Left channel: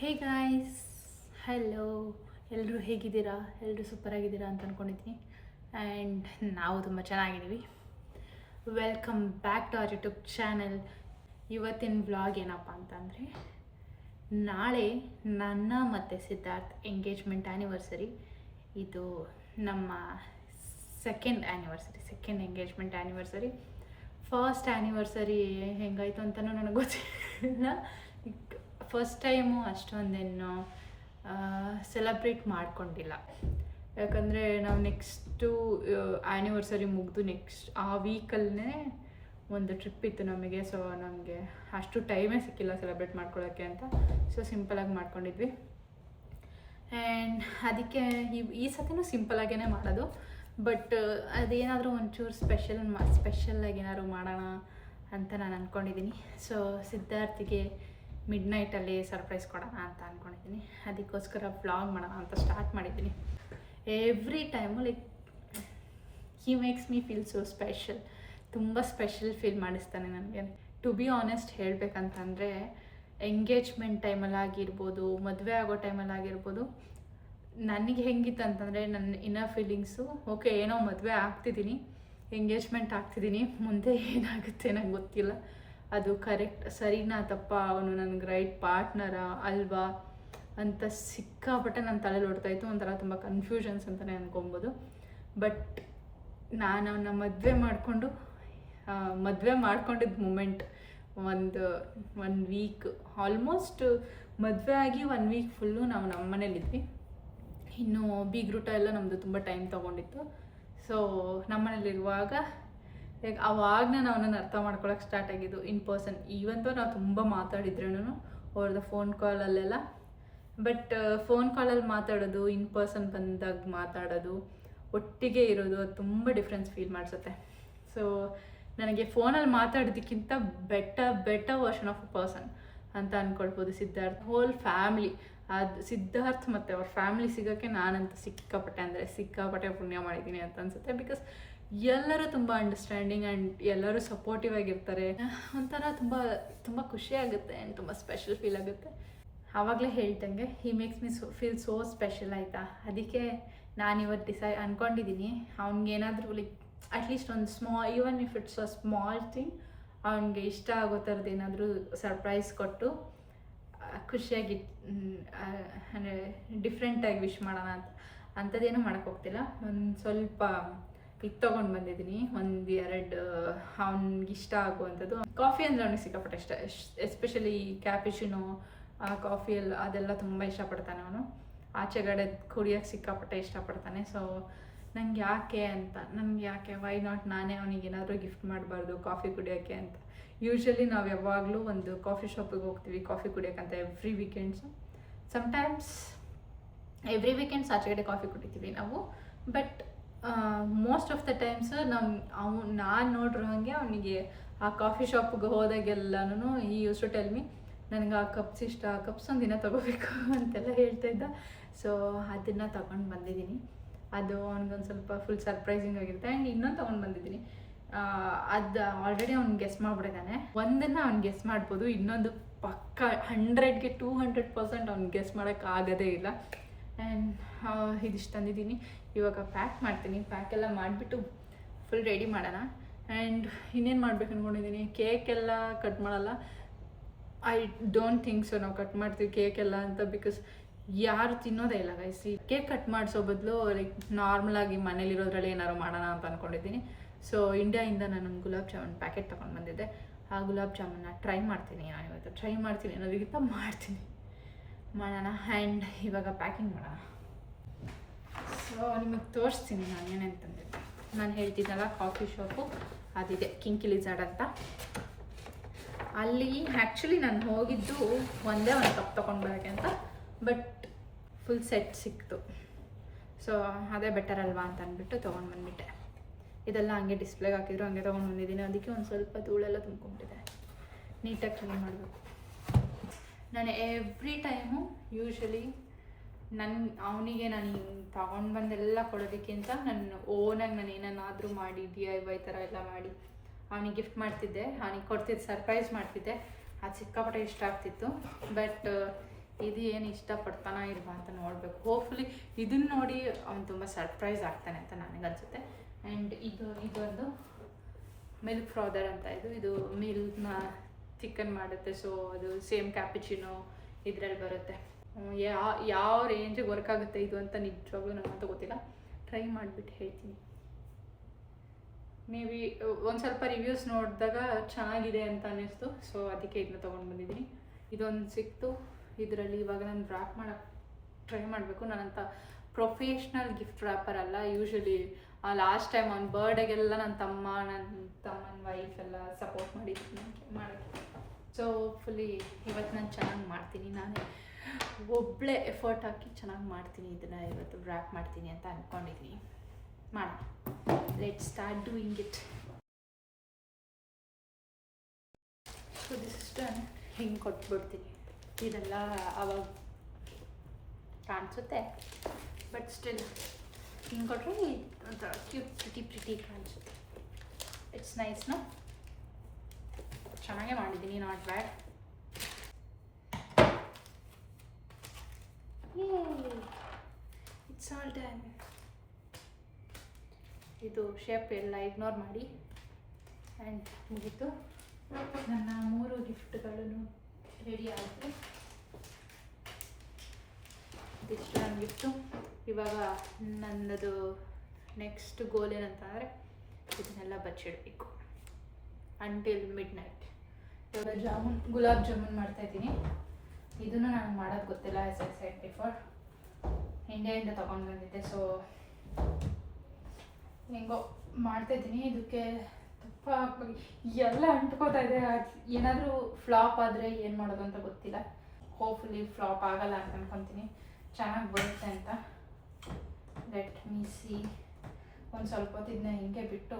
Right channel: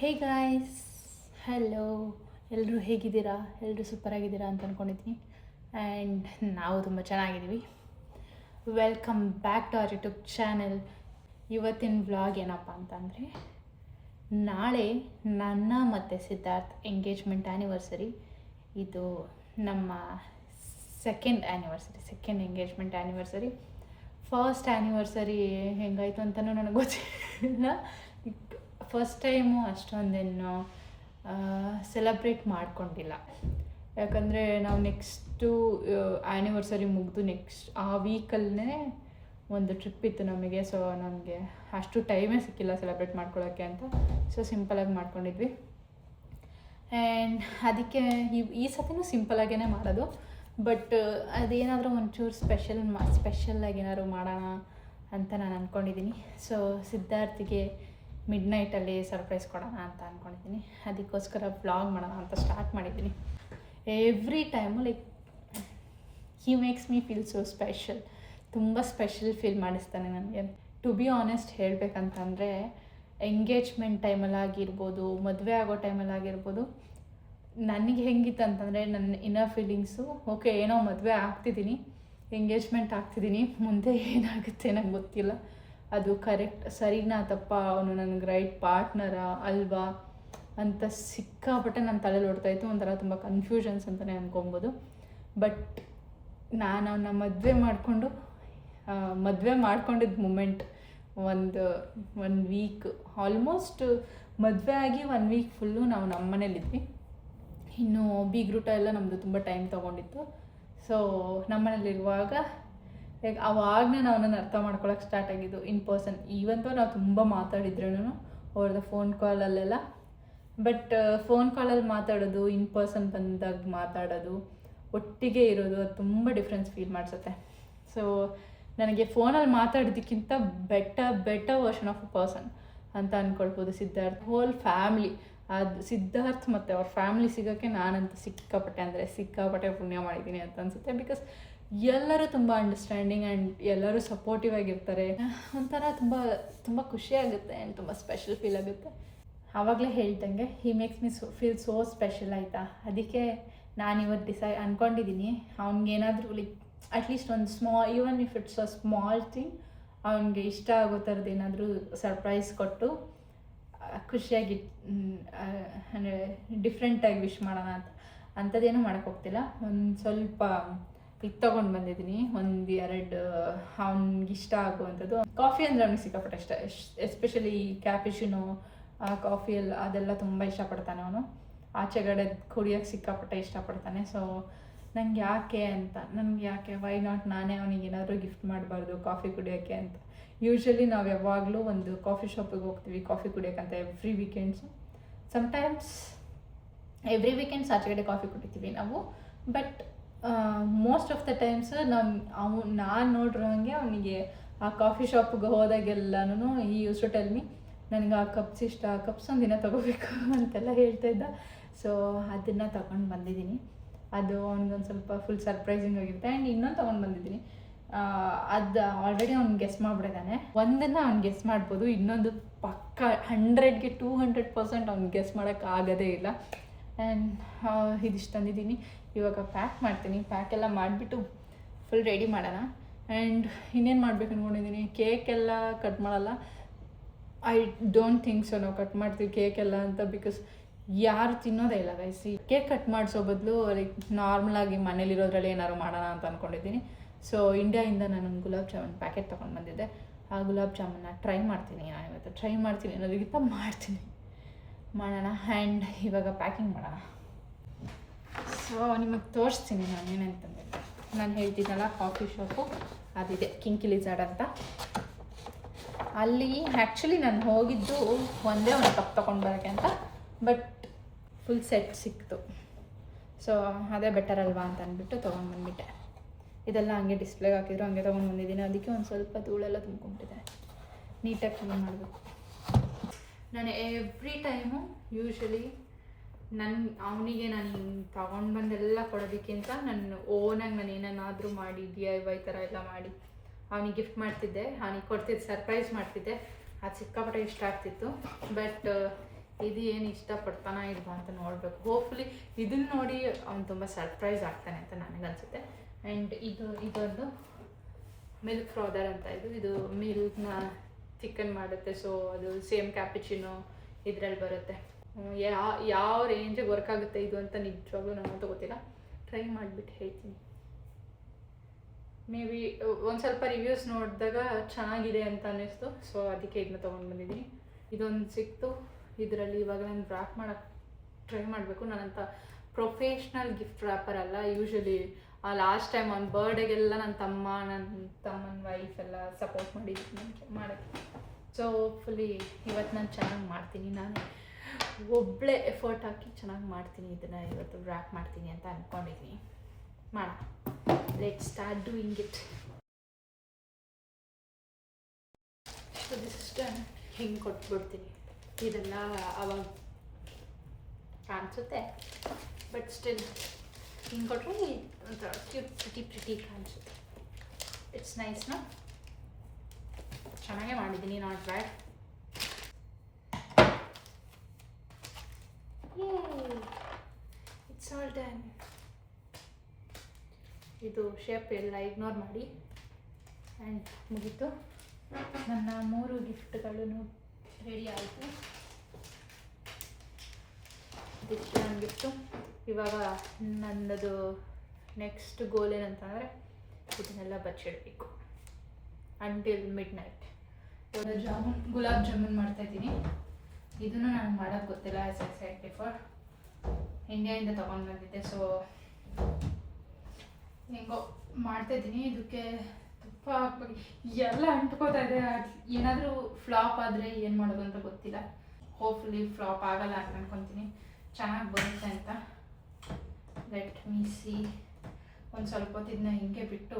Hey guys, hello. ಎಲ್ಲರೂ ಹೇಗಿದ್ದೀರಾ? ಎಲ್ಲರೂ ಸೂಪರಾಗಿದ್ದೀರಾ ಅಂತ ಅಂದ್ಕೊಂಡಿದ್ದೀನಿ. ಆ್ಯಂಡ್ ನಾವು ತುಂಬ ಚೆನ್ನಾಗಿದ್ದೀವಿ. Welcome back to our YouTube channel. ಇವತ್ತಿನ ವ್ಲಾಗ್ ಏನಪ್ಪ ಅಂತಂದರೆ, ನಾಳೆ ನನ್ನ ಮತ್ತು ಸಿದ್ಧಾರ್ಥ್ ಎಂಗೇಜ್ಮೆಂಟ್ ಆ್ಯನಿವರ್ಸರಿ. ಇದು ನಮ್ಮ second engagement anniversary. First anniversary ಹೆಂಗಾಯಿತು ಅಂತಲೂ ನನಗೆ ಗೊತ್ತಿಲ್ಲ. ಫಸ್ಟ್ ಟೈಮು ಅಷ್ಟೊಂದೇನು ಸೆಲೆಬ್ರೇಟ್ ಮಾಡ್ಕೊಂಡಿಲ್ಲ. ಯಾಕಂದರೆ ನಾವು ನೆಕ್ಸ್ಟು ಆ್ಯನಿವರ್ಸರಿ ಮುಗಿದು ನೆಕ್ಸ್ಟ್ ಆ ವೀಕಲ್ಲೇ ಒಂದು ಟ್ರಿಪ್ ಇತ್ತು ನಮಗೆ. ಸೊ ನಮಗೆ ಅಷ್ಟು ಟೈಮೇ ಸಿಕ್ಕಿಲ್ಲ ಸೆಲೆಬ್ರೇಟ್ ಮಾಡ್ಕೊಳ್ಳೋಕ್ಕೆ ಅಂತ. ಸೊ ಸಿಂಪಲಾಗಿ ಮಾಡ್ಕೊಂಡಿದ್ವಿ. ಆ್ಯಂಡ್ ಅದಕ್ಕೆ ಈ ಸತಿನೂ ಸಿಂಪಲಾಗೇ ಮಾಡೋದು. ಬಟ್ ಅದೇನಾದರೂ ಒಂಚೂರು ಸ್ಪೆಷಲ್ಲಾಗಿ ಏನಾದ್ರು ಮಾಡೋಣ ಅಂತ ನಾನು ಅಂದ್ಕೊಂಡಿದ್ದೀನಿ. ಸೊ ಸಿದ್ಧಾರ್ಥಿಗೆ ಮಿಡ್ನೈಟಲ್ಲಿ ಸರ್ಪ್ರೈಸ್ ಕೊಡೋಣ ಅಂತ ಅಂದ್ಕೊಂಡಿದ್ದೀನಿ. ಅದಕ್ಕೋಸ್ಕರ ವ್ಲಾಗ್ ಮಾಡೋಣ ಅಂತ ಸ್ಟಾರ್ಟ್ ಮಾಡಿದ್ದೀನಿ. Every time he makes me feel so special. ತುಂಬ ಸ್ಪೆಷಲ್ ಫೀಲ್ ಮಾಡಿಸ್ತಾನೆ ನನಗೆ. ಟು ಬಿ ಆನೆಸ್ಟ್ ಹೇಳಬೇಕಂತಂದರೆ, ಎಂಗೇಜ್ಮೆಂಟ್ ಟೈಮಲ್ಲಾಗಿರ್ಬೋದು, ಮದುವೆ ಆಗೋ ಟೈಮಲ್ಲಾಗಿರ್ಬೋದು, ನನಗೆ ಹೆಂಗಿತ್ತು ಅಂತಂದರೆ, ನನ್ನ ಇನ್ನರ್ ಫೀಲಿಂಗ್ಸು ಓಕೆ, ಏನೋ ಮದುವೆ ಆಗ್ತಿದ್ದೀನಿ, ಎಂಗೇಜ್ಮೆಂಟ್ ಆಗ್ತಿದ್ದೀನಿ, ಮುಂದೆ ಏನಾಗುತ್ತೆ ನನಗೆ ಗೊತ್ತಿಲ್ಲ, ಅದು ಕರೆಕ್ಟ್ ಸರಿನಾ ತಪ್ಪ, ಅವನು ನನಗೆ ರೈಟ್ ಪಾರ್ಟ್ನರಾ ಅಲ್ವಾ ಅಂತ ಸಿಕ್ಕಾಪಟ್ಟೆ ನನ್ನ ತಲೆಯಲ್ಲಿ ಓಡ್ತಾಯಿತ್ತು. ಒಂಥರ ತುಂಬ ಕನ್ಫ್ಯೂಷನ್ಸ್ ಅಂತಲೇ ಅಂದ್ಕೊಬೋದು. ಬಟ್ ನಾನು ಅವನ್ನ ಮದುವೆ ಮಾಡ್ಕೊಂಡಿದ್ದ ಮೂಮೆಂಟ್ ಒಂದು ವೀಕ್, ಆಲ್ಮೋಸ್ಟ್ ಮದುವೆ ಆಗಿ 1 ವೀಕ್ ಫುಲ್ಲು ನಾವು ನಮ್ಮ ಮನೇಲಿದ್ವಿ. ಇನ್ನು ಬೀಗ್ರೂಟ ಎಲ್ಲ ನಮ್ಮದು ತುಂಬ ಟೈಮ್ ತೊಗೊಂಡಿತ್ತು. ಸೊ ನಮ್ಮ ಮನೇಲಿರುವಾಗ ಅವಾಗನೇ ನಾವು ಅವನನ್ನು ಅರ್ಥ ಮಾಡ್ಕೊಳಕ್ಕೆ ಸ್ಟಾರ್ಟ್ ಆಗಿದ್ದು ಇನ್ ಪರ್ಸನ್. ಈವಂತೂ ನಾವು ತುಂಬ ಮಾತಾಡಿದ್ರೂ ಅವ್ರದ್ದು ಫೋನ್ ಕಾಲಲ್ಲೆಲ್ಲ. ಬಟ್ ಫೋನ್ ಕಾಲಲ್ಲಿ ಮಾತಾಡೋದು, ಇನ್ ಪರ್ಸನ್ ಬಂದಾಗ ಮಾತಾಡೋದು, ಒಟ್ಟಿಗೆ ಇರೋದು, ಅದು ತುಂಬ ಡಿಫ್ರೆನ್ಸ್ ಫೀಲ್ ಮಾಡಿಸುತ್ತೆ. ಸೊ ನನಗೆ ಫೋನಲ್ಲಿ ಮಾತಾಡೋದಕ್ಕಿಂತ better version of a person ಅಂತ ಅಂದ್ಕೊಳ್ಬೋದು ಸಿದ್ಧಾರ್ಥ್. ಹೋಲ್ ಫ್ಯಾಮ್ಲಿ, ಅದು ಸಿದ್ಧಾರ್ಥ್ ಮತ್ತು ಅವ್ರ ಫ್ಯಾಮ್ಲಿ ಸಿಗೋಕ್ಕೆ ನಾನಂತೂ ಸಿಕ್ಕಾಪಟ್ಟೆ ಪುಣ್ಯ ಮಾಡಿದ್ದೀನಿ ಅಂತ ಅನಿಸುತ್ತೆ. ಬಿಕಾಸ್ ಎಲ್ಲರೂ ತುಂಬ ಅಂಡರ್ಸ್ಟ್ಯಾಂಡಿಂಗ್ ಆ್ಯಂಡ್ ಎಲ್ಲರೂ ಸಪೋರ್ಟಿವ್ ಆಗಿರ್ತಾರೆ. ಒಂಥರ ತುಂಬ ತುಂಬ ಖುಷಿಯಾಗುತ್ತೆ ಆ್ಯಂಡ್ ತುಂಬ ಸ್ಪೆಷಲ್ ಫೀಲ್ ಆಗುತ್ತೆ. ಆವಾಗಲೇ ಹೇಳ್ದಂಗೆ he makes me feel so special, ಆಯಿತಾ. ಅದಕ್ಕೆ ನಾನು ಇವತ್ತು ಅಂದ್ಕೊಂಡಿದ್ದೀನಿ, ಅವ್ನಿಗೇನಾದರೂ ಅಟ್ಲೀಸ್ಟ್ ಒಂದು even if it's a small thing, ಅವನಿಗೆ ಇಷ್ಟ ಆಗೋ ಥರದ್ದು ಏನಾದರೂ ಸರ್ಪ್ರೈಸ್ ಕೊಟ್ಟು ಖುಷಿಯಾಗಿ ಅಂದರೆ ಡಿಫ್ರೆಂಟಾಗಿ ವಿಶ್ ಮಾಡೋಣ ಅಂಥದ್ದೇನೂ ಮಾಡೋಕ್ಕೋಗ್ತಿಲ್ಲ. ಒಂದು ಸ್ವಲ್ಪ ತೊಗೊಂಡು ಬಂದಿದ್ದೀನಿ, 1-2 ಅವ್ನಿಗೆ ಇಷ್ಟ ಆಗುವಂಥದ್ದು. ಕಾಫಿ ಅಂದರೆ ಅವ್ನಿಗೆ ಸಿಕ್ಕಾಪಟ್ಟೆ ಇಷ್ಟ, ಎಸ್ಪೆಷಲಿ ಕ್ಯಾಪಿಚಿನೋ, ಆ ಕಾಫಿಯಲ್ಲಿ ಅದೆಲ್ಲ ತುಂಬ ಇಷ್ಟಪಡ್ತಾನೆ ಅವನು. ಆಚೆಗಡೆ ಕುಡಿಯೋಕ್ಕೆ ಸಿಕ್ಕಾಪಟ್ಟೆ ಇಷ್ಟಪಡ್ತಾನೆ. ಸೊ ನನಗೆ ಯಾಕೆ ವೈ ನಾಟ್ ನಾನೇ ಅವನಿಗೆ ಏನಾದರೂ ಗಿಫ್ಟ್ ಮಾಡಬಾರ್ದು ಕಾಫಿ ಕುಡಿಯೋಕ್ಕೆ ಅಂತ. ಯೂಶ್ವಲಿ ನಾವು ಯಾವಾಗಲೂ ಒಂದು ಕಾಫಿ ಶಾಪಿಗೆ ಹೋಗ್ತೀವಿ ಕಾಫಿ ಕುಡಿಯೋಕ್ಕಂತ every weekends. Sometimes every weekends ಆಚೆಗಡೆ ಕಾಫಿ ಕುಡಿತೀವಿ ನಾವು. But most of the times ನಾನು ನೋಡಿರೋ ಹಾಗೆ ಅವನಿಗೆ ಆ ಕಾಫಿ ಶಾಪಿಗೆ ಹೋದಾಗೆಲ್ಲನೂ ಈ ಯೂಸ್ ಟು ಟೆಲ್ ಮಿ, ನನಗೆ ಆ ಕಪ್ಸ್ ಇಷ್ಟ, ಆ ಕಪ್ಸ್ ಒಂದಿನ ತೊಗೋಬೇಕು ಅಂತೆಲ್ಲ ಹೇಳ್ತಾ ಇದ್ದ. ಸೊ ಅದನ್ನು ತೊಗೊಂಡು ಬಂದಿದ್ದೀನಿ. ಅದು ಅವ್ನಿಗೊಂದು ಸ್ವಲ್ಪ ಫುಲ್ ಸರ್ಪ್ರೈಸಿಂಗ್ ಆಗಿರುತ್ತೆ. ಆ್ಯಂಡ್ ಇನ್ನೊಂದು ತೊಗೊಂಡು ಬಂದಿದ್ದೀನಿ, ಅದು ಆಲ್ರೆಡಿ ಅವ್ನು ಗೆಸ್ ಮಾಡಿಬಿಟ್ಟಿದ್ದಾನೆ. ಒಂದನ್ನು ಅವ್ನು ಗೆಸ್ ಮಾಡ್ಬೋದು, ಇನ್ನೊಂದು ಪಕ್ಕ 100ಗೆ 200% ಅವ್ನು ಗೆಸ್ ಮಾಡೋಕ್ಕಾಗೋದೇ ಇಲ್ಲ. ಆ್ಯಂಡ್ ಇದಿಷ್ಟು ತಂದಿದ್ದೀನಿ. ಇವಾಗ ಪ್ಯಾಕ್ ಮಾಡ್ತೀನಿ. ಪ್ಯಾಕೆಲ್ಲ ಮಾಡಿಬಿಟ್ಟು ಫುಲ್ ರೆಡಿ ಮಾಡೋಣ. ಆ್ಯಂಡ್ ಇನ್ನೇನು ಮಾಡ್ಬೇಕು ಅಂದ್ಕೊಂಡಿದ್ದೀನಿ, ಕೇಕೆಲ್ಲ ಕಟ್ ಮಾಡಲ್ಲ. ಐ ಡೋಂಟ್ ಥಿಂಕ್ ಸೊ ನಾವು ಕಟ್ ಮಾಡ್ತೀವಿ ಕೇಕೆಲ್ಲ ಅಂತ. ಬಿಕಾಸ್ ಯಾರು ತಿನ್ನೋದೇ ಇಲ್ಲ ಗೈಸ್. ಕೇಕ್ ಕಟ್ ಮಾಡಿಸೋ ಬದಲು ನಾರ್ಮಲಾಗಿ ಮನೇಲಿರೋದ್ರಲ್ಲಿ ಏನಾದ್ರು ಮಾಡೋಣ ಅಂತ ಅಂದ್ಕೊಂಡಿದ್ದೀನಿ. ಸೊ ಇಂಡಿಯಾಯಿಂದ ನಾನು ಗುಲಾಬ್ ಜಾಮೂನ್ ಪ್ಯಾಕೆಟ್ ತೊಗೊಂಡು ಬಂದಿದ್ದೆ. ಆ ಗುಲಾಬ್ ಜಾಮೂನ್ನ ಟ್ರೈ ಮಾಡ್ತೀನಿ ಅನ್ನೋದಕ್ಕಿಂತ ಮಾಡೋಣ. ಆ್ಯಂಡ್ ಇವಾಗ ಪ್ಯಾಕಿಂಗ್ ಮಾಡೋಣ. ಸೊ ನಿಮಗೆ ತೋರಿಸ್ತೀನಿ ನಾನು ಏನೇನು ತಂದಿದ್ದೆ. ನಾನು ಹೇಳ್ತಿದ್ದಲ್ಲ ಕಾಫಿ ಶಾಪು ಅದಿದೆ, ಕಿಂಕಿ ಲಿಜಾರ್ಡ್ ಅಂತ. ಅಲ್ಲಿ ಆ್ಯಕ್ಚುಲಿ ನಾನು ಹೋಗಿದ್ದು ಒಂದೇ ಒಂದು ಕಪ್ ತೊಗೊಂಡು ಬರೋಕ್ಕೆ ಅಂತ. ಬಟ್ ಫುಲ್ ಸೆಟ್ ಸಿಕ್ತು. ಸೊ ಅದೇ ಬೆಟರ್ ಅಲ್ವಾ ಅಂತ ಅಂದ್ಬಿಟ್ಟು ತೊಗೊಂಡು ಬಂದುಬಿಟ್ಟೆ. ಇದೆಲ್ಲ ಹಂಗೆ ಡಿಸ್ಪ್ಲೇಗೆ ಹಾಕಿದ್ರು, ಹಂಗೆ ತೊಗೊಂಡು ಬಂದಿದ್ದೀನಿ. ಅದಕ್ಕೆ ಒಂದು ಸ್ವಲ್ಪ ಧೂಳೆಲ್ಲ ತುಂಬ್ಕೊಂಡಿದೆ, ನೀಟಾಗಿ ಕ್ಲೀನ್ ಮಾಡಬೇಕು. ನಾನು ಎವ್ರಿ ಟೈಮು ಯೂಶ್ವಲಿ ಅವನಿಗೆ ನಾನು ತೊಗೊಂಡು ಬಂದೆಲ್ಲ ಕೊಡೋದಕ್ಕಿಂತ ನನ್ನ ಓನಾಗಿ ನಾನು ಏನನ್ನಾದರೂ ಮಾಡಿ DIY ಥರ ಎಲ್ಲ ಮಾಡಿ ಅವನಿಗೆ ಗಿಫ್ಟ್ ಮಾಡ್ತಿದ್ದೆ, ಅವನಿಗೆ ಕೊಡ್ತಿದ್ದೆ, ಸರ್ಪ್ರೈಸ್ ಮಾಡ್ತಿದ್ದೆ. ಅದು ಸಿಕ್ಕಾಪಟ್ಟೆ ಇಷ್ಟ ಆಗ್ತಿತ್ತು. ಬಟ್ ಇದು ಏನು ಇಷ್ಟಪಡ್ತಾನಾ ಇಲ್ವಾ ಅಂತ ನೋಡಬೇಕು. ಹೋಪ್ಫುಲಿ ಇದನ್ನ ನೋಡಿ ಅವ್ನು ತುಂಬ ಸರ್ಪ್ರೈಸ್ ಆಗ್ತಾನೆ ಅಂತ ನನಗನ್ಸುತ್ತೆ. ಆ್ಯಂಡ್ ಇದೊಂದು ಮಿಲ್ಕ್ ಫ್ರಾದರ್ ಅಂತ ಇದು ಮಿಲ್ಕ್ನ ಚಿಕನ್ ಮಾಡುತ್ತೆ. ಸೊ ಅದು ಸೇಮ್ ಕ್ಯಾಪಿಚಿನೋ ಇದರಲ್ಲಿ ಬರುತ್ತೆ. ಯಾವ ರೇಂಜಿಗೆ ವರ್ಕ್ ಆಗುತ್ತೆ ಇದು ಅಂತ ನಿಜವಾಗ್ಲೂ ನನಗಂತೂ ಗೊತ್ತಿಲ್ಲ. ಟ್ರೈ ಮಾಡಿಬಿಟ್ಟು ಹೇಳ್ತೀನಿ. ಮೇ ಬಿ ಒಂದು ಸ್ವಲ್ಪ ರಿವ್ಯೂಸ್ ನೋಡಿದಾಗ ಚೆನ್ನಾಗಿದೆ ಅಂತ ಅನ್ನಿಸ್ತು. ಸೊ ಅದಕ್ಕೆ ಇದನ್ನ ತೊಗೊಂಡು ಬಂದಿದ್ದೀನಿ. ಇದೊಂದು ಸಿಕ್ತು. ಇದರಲ್ಲಿ ಇವಾಗ ನಾನು ರ್ಯಾಪ್ ಮಾಡೋಕ್ಕೆ ಟ್ರೈ ಮಾಡಬೇಕು. ನಾನಂತ ಪ್ರೊಫೆಷ್ನಲ್ ಗಿಫ್ಟ್ ರ್ಯಾಪರ್ ಅಲ್ಲ. ಯೂಶ್ವಲಿ ಲಾಸ್ಟ್ ಟೈಮ್ ಅವ್ನ ಬರ್ಡೇಗೆಲ್ಲ ನನ್ನ ತಮ್ಮನ ವೈಫ್ ಎಲ್ಲ ಸಪೋರ್ಟ್ ಮಾಡಿದ್ದೀನಿ ನನಗೆ ಮಾಡೋಕ್ಕೆ. ಸೊ ಹೋಪ್ಫುಲಿ ಇವತ್ತು ನಾನು ಚೆನ್ನಾಗಿ ಮಾಡ್ತೀನಿ. ನಾನು ಒಬ್ಬಳೇ ಎಫರ್ಟ್ ಹಾಕಿ ಚೆನ್ನಾಗಿ ಮಾಡ್ತೀನಿ. ಇದನ್ನು ಇವತ್ತು ರ್ಯಾಪ್ ಮಾಡ್ತೀನಿ ಅಂತ ಅಂದ್ಕೊಂಡಿದ್ದೀನಿ. ಮಾಡೋಣ. Let start doing it. So this is done. ಹಿಂಗೆ ಕೊಟ್ಬಿಡ್ತೀನಿ. ಇದೆಲ್ಲ ಅವಾಗ ಕಾಣಿಸುತ್ತೆ, ಬಟ್ ಸ್ಟಿಲ್ ಹಿಂಗೆ ಕೊಟ್ಟರೆ ಒಂಥರ ಕ್ಯೂಟ್ ಪ್ರಿಟಿ ಕಾಣಿಸುತ್ತೆ. It's nice. ನೋ ಚೆನ್ನಾಗೇ ಮಾಡಿದ್ದೀನಿ, not bad. It's all done. ಇದು ಶೇಪ್ ಎಲ್ಲ ಇಗ್ನೋರ್ ಮಾಡಿ. ಆ್ಯಂಡ್ ಮುಗೀತು. ನನ್ನ 3 ಗಿಫ್ಟ್ಗಳನ್ನು ರೆಡಿ ಆಯಿತು. ಇದಿಷ್ಟು ನನ್ನ ಗಿಫ್ಟು. ಇವಾಗ ನನ್ನದು ನೆಕ್ಸ್ಟ್ ಗೋಲ್ ಏನಂತಂದರೆ ಇದನ್ನೆಲ್ಲ ಬಚ್ಚಿಡಬೇಕು ಅಂಟಿಲ್ ಮಿಡ್ ನೈಟ್. ಇವಾಗ ಗುಲಾಬ್ ಜಾಮೂನ್ ಮಾಡ್ತಾಯಿದ್ದೀನಿ. ಇದನ್ನು ನನಗೆ ಮಾಡೋದು ಗೊತ್ತಿಲ್ಲ. ಆಸ್ ಐ ಸೆಡ್ ಬಿಫೋರ್, ಇಂಡಿಯಾದಿಂದ ತೊಗೊಂಡು ಬಂದಿದ್ದೆ. ಸೊ ಹೆಂಗೋ ಮಾಡ್ತಾಯಿದ್ದೀನಿ. ಇದಕ್ಕೆ ತುಪ್ಪ ಹಾಕ್ಬೇಕು. ಎಲ್ಲ ಅಂಟ್ಕೋತಾ ಇದೆ. ಏನಾದರೂ ಫ್ಲಾಪ್ ಆದರೆ ಏನು ಮಾಡೋದು ಅಂತ ಗೊತ್ತಿಲ್ಲ. ಹೋಪ್ಫುಲಿ ಫ್ಲಾಪ್ ಆಗಲ್ಲ ಅಂತ ಅನ್ಕೊತೀನಿ. ಚೆನ್ನಾಗಿ ಬರುತ್ತೆ ಅಂತ. Let me see. ಒಂದು ಸ್ವಲ್ಪ ಹೊತ್ತು ಇದನ್ನ ಹಿಂಗೆ ಬಿಟ್ಟು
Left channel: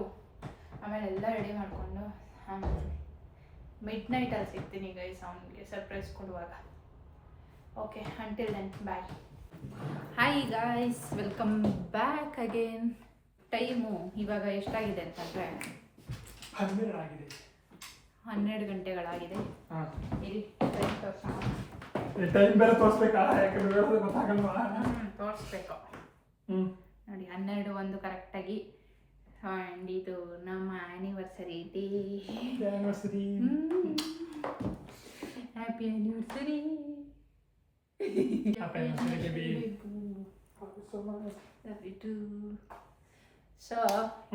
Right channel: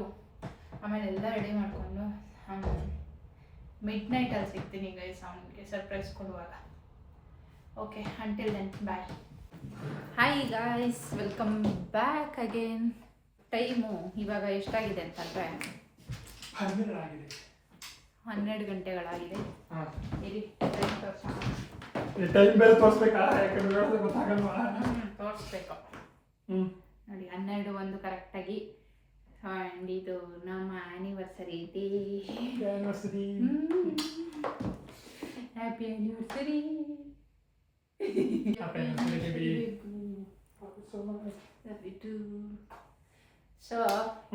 ಆಮೇಲೆ ಎಲ್ಲ ರೆಡಿ ಮಾಡಿಕೊಂಡು ಮಿಡ್ ನೈಟಲ್ಲಿ ಸಿಗ್ತೀನಿ ಗೈಸ್ ಅವನಿಗೆ ಸರ್ಪ್ರೈಸ್ ಕೊಡುವಾಗ. Okay, until then bye. Hi guys, welcome back again. Time ಇವಾಗ ಎಷ್ಟಾಗಿದೆ ಅಂತಂದರೆ 12 ಗಂಟೆಗಳಾಗಿದೆ. ಇರಿ ಟೈಮ್ ತೋರಿಸೋಣ. ಟೈಮ್ ಬೇರೆ ತೋರಿಸ್ಬೇಕಾ? ಯಾಕಂದ್ರೆ ಗೊತ್ತಾಗಲ್ವಾ? ತೋರಿಸ್ಬೇಕು ನೋಡಿ. 12:01 ಕರೆಕ್ಟಾಗಿ. ಆ್ಯಂಡ್ ಇದು ನಮ್ಮ anniversary day. Anniversary. Happy anniversary. So